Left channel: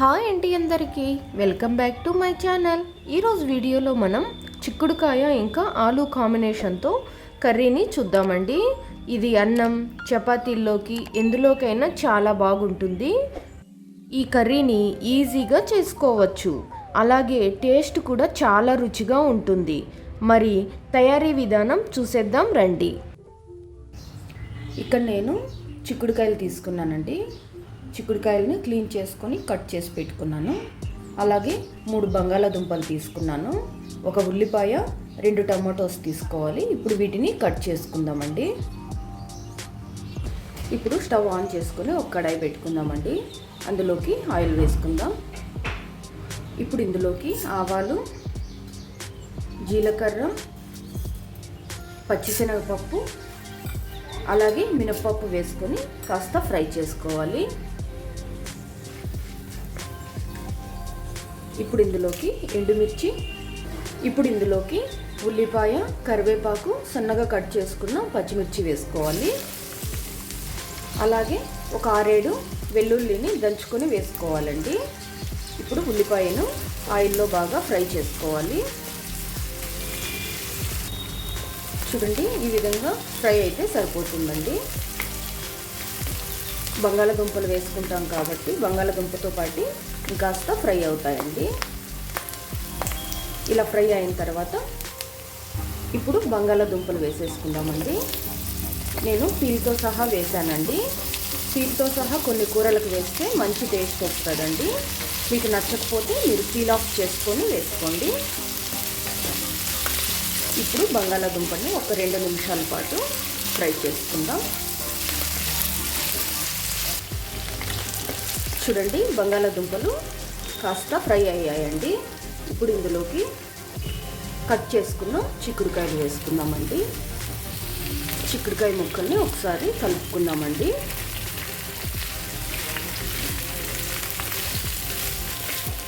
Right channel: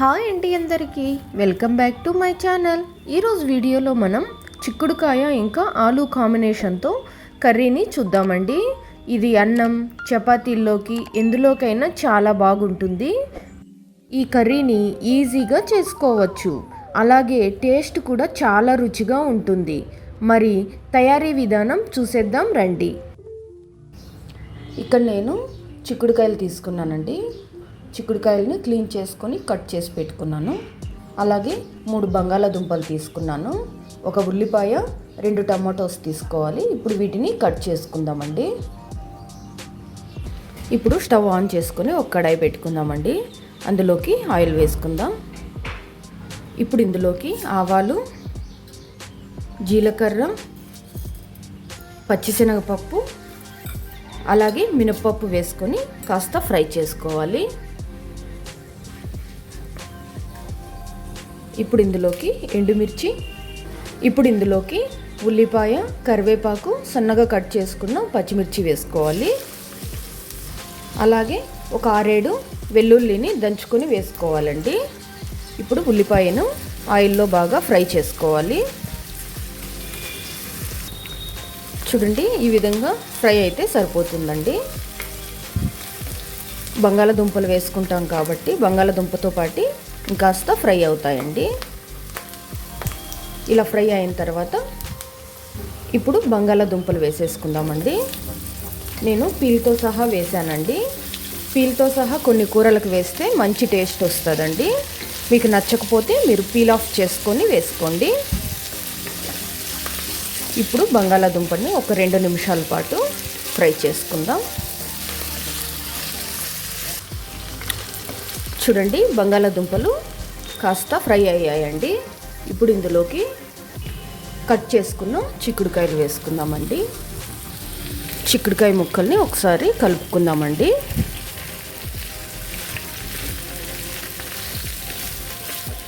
Hi అండి అందరికీ. Welcome back to my channel. ఈరోజు వీడియోలో మనం చిక్కుడుకాయ ఇంకా ఆలు కాంబినేషన్తో కర్రీని చూద్దామండి. ఇది అన్నం చపాతీల్లోకి ఎందులోకైనా చాలా బాగుంటుంది. ఈ కర్రీని ఈజీగా చేసుకోవచ్చు. అలాగే టేస్ట్ కూడా చాలా రుచిగా ఉంటుంది. మరి తయారీ విధానం చూసేద్దాం రండి. ఇక్కడ నేను చిక్కుడుకాయలు తీసుకున్నానండి. చిక్కుడుకాయలను క్లీన్ చేసుకొని కట్ చేసి పెట్టుకున్నాను. అలాగే మూడు బంగాళాదుంపలు తీసుకున్నాను. ఒక ఉల్లిపాయ రెండు టమాటోస్ తీసుకోవాలి. ఇప్పుడు వీటిని కట్ చేసుకుందామండి. ఇప్పుడు స్టవ్ ఆన్ చేసుకొని ఒక కడాయి పెట్టుకుందామండి. అందులోకి ఆయిల్ వేసుకుందాం. ఇప్పుడు ఇందులోకి ఆవాలు జీలకర్ర పచ్చిశనగపప్పు అలాగే మినప్పప్పు వేసుకొని కాస్త ఫ్రై చేసుకోవాలి. ఇప్పుడు ఇందులోకి ఎండుమిర్చి ఇప్పుడు ఇందులోకి ఉల్లిపాయ కరివేపాకు సన్నగా కట్ చేసుకున్న పచ్చిమిర్చి వేసుకోవాలి. అలాగే ఒక ఆరేడు వెల్లుల్లిని దంచుకొని వేసుకోవాలండి. ఇప్పుడు ఉల్లిపాయను ఆయిల్లో బాగా ఫ్రై చేసుకోవాలి. చూడండి ఈ విధంగా ఫ్రై అయితే సరిపోతుందండి. బంగాళదుంపలు వేసుకుంటాం కాబట్టి బంగాళదుంపతో పాటు కాస్త ఫ్రై అవుతాయండి. ఇలా ఫ్రై అయిన తర్వాత ఇప్పుడు బంగాళాదుంపలు వేసేసుకుందామండి. నేను పీల్తో సహా వేసానండి పీల్తో సహా కొన్ని కూరలకు వేస్తే మంచి టేస్ట్ వస్తుందండి. మీకు నచ్చకపోతే మీరు పీల్ ఆఫ్ చేసుకొని వేసుకోండి. ఇప్పుడు బంగాళాదుంపని ఒక రెండు నిమిషాల పాటు ఫ్రై చేసుకుందాం. చూడండి బంగాళాదుంపలు కాస్త ఫ్రై అయ్యాయండి. ఇప్పుడు ఇందులోకి కట్ చేసుకున్న చిక్కుడుకాయలు వేసుకుందామండి. చిక్కుడుకాయ ముక్కల్ని ఒకసారి కలుపుకుందామండి.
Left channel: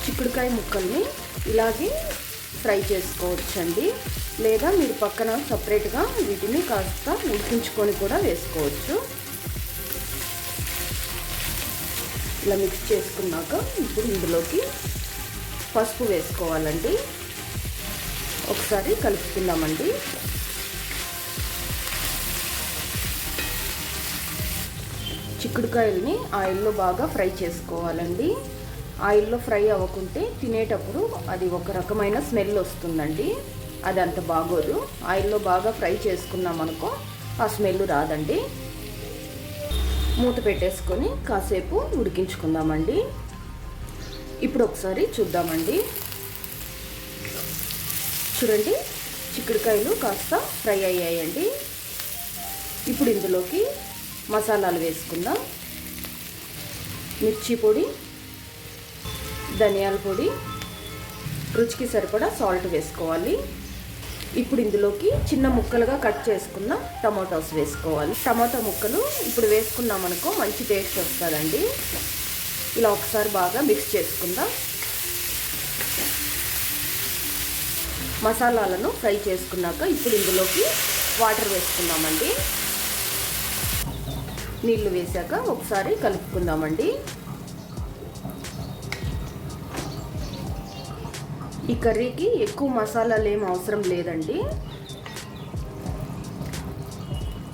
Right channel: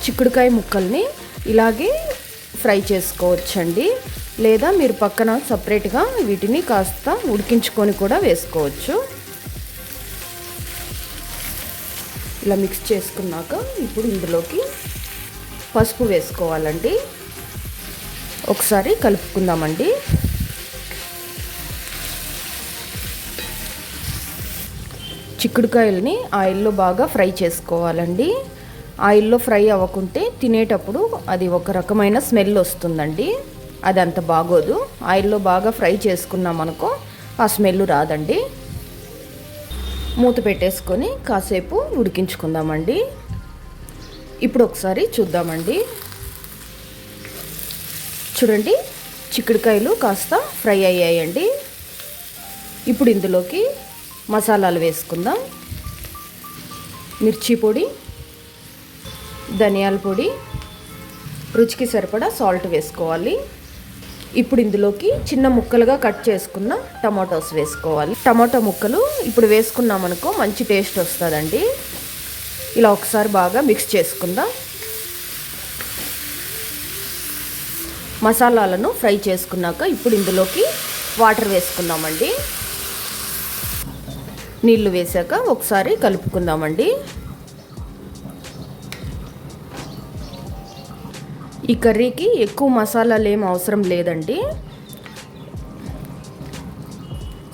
చిక్కుడుకాయ ముక్కల్ని ఇలాగే ఫ్రై చేసుకోవచ్చండి. లేదా మీరు పక్కన సపరేట్గా వీటిని కాస్త ఉడికించుకొని కూడా వేసుకోవచ్చు. ఇలా మిక్స్ చేసుకున్నాక ఇప్పుడు ఇందులోకి పసుపు వేసుకోవాలండి. ఒకసారి కలుపుకుందామండి. చిక్కుడుకాయలని ఆయిల్లో బాగా ఫ్రై చేసుకోవాలండి. ఆయిల్లో ఫ్రై అవ్వకుంటే తినేటప్పుడు అది ఒక రకమైన స్మెల్ వస్తుందండి. అది అంత బాగోదు. ఆయిల్లో బాగా ఫ్రై చేసుకున్నాం అనుకో ఆ స్మెల్ రాదండి. మూత పెట్టేసుకొని కాసేపు ఉడికించుకుందామండి. ఇప్పుడు ఒకసారి చూద్దామండి. చూడండి చిక్కుడుకాయలు కాస్త ఫ్రై అయ్యాయండి. ఇప్పుడు ఇందులోకి మసాలాలు వేసుకుందాం. మిర్చి పొడి ధనియాల పొడి రుచికి సరిపడా సాల్ట్ వేసుకోవాలి. ఇప్పుడు ఇందులోకి చిన్న ముక్కలుగా కట్ చేసుకున్న టమాటోస్ వేసుకోవాలి. టమాటో ముక్కలు ఇప్పుడు వేసుకున్నామనుకో మంచి టేస్ట్ వస్తుందండి. ఇలా ఒకసారి బాగా మిక్స్ చేసుకుందాం. మసాలాలను ఫ్రై చేసుకున్నాక ఇప్పుడు ఇందులోకి వాటర్ వేసుకుందామండి. నీళ్ళు వేసాక ఒకసారి కలుపుకుందామండి. ఈ కర్రీకి ఎక్కువ మసాలాలు ఏం అవసరం లేదండి.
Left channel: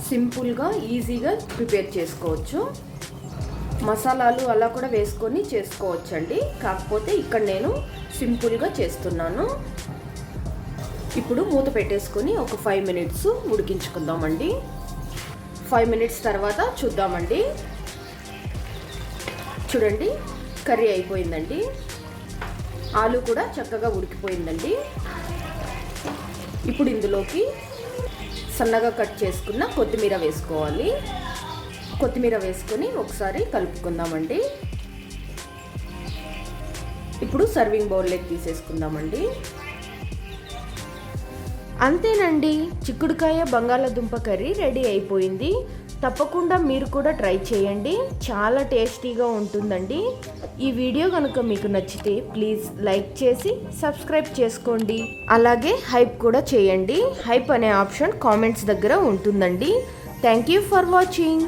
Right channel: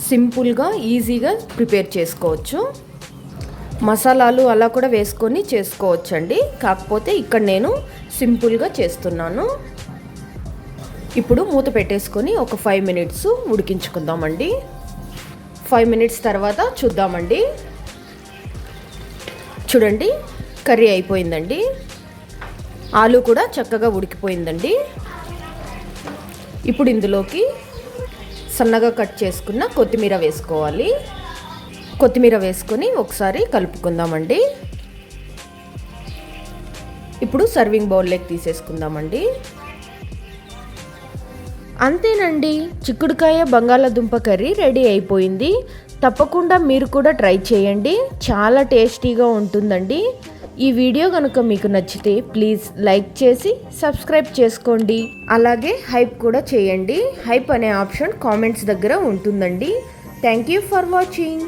సింపుల్గా ఈజీగా ప్రిపేర్ చేసుకోవచ్చు. మసాలాలు అలా కూడా వేసుకొని చేసుకోవచ్చండి. కాకపోతే ఇక్కడ నేను సింపుల్గా చేస్తున్నాను. ఇప్పుడు మూత పెట్టేసుకొని ఒక ఫైవ్ మినిట్స్ ఉడికించుకుందామండి. ఫైవ్ మినిట్స్ తర్వాత చూద్దామండి. చూడండి కర్రీ అయిపోయిందండి. ఆలు కూడా చక్కగా ఉడికిపోయిందండి. ఇప్పుడు ఇందులోకి సన్నగా కట్ చేసుకున్న కొత్తిమీర వేసుకోవాలి. కొత్తిమీర వేసుకొని ఒకసారి కలుపుకుందామండి. ఇప్పుడు సర్వింగ్ బౌల్లోకి తీసేసుకుందామండి. అంతేనండి చిక్కుడుకాయ బంగాళాదుంప కర్రీ రెడీ అయిపోయింది. తప్పకుండా మీరు కూడా ట్రై చేయండి. చాలా టేస్టీగా ఉంటుందండి. ఈ వీడియో కనుక మీకు నచ్చితే ప్లీజ్ లైక్ చేసి సబ్స్క్రైబ్ చేసుకోండి. అలాగే హైప్ కూడా చేయండి. హైప్ అనే ఆప్షన్ కామెంట్స్ దగ్గర ఉంటుందండి. Thank you for watching.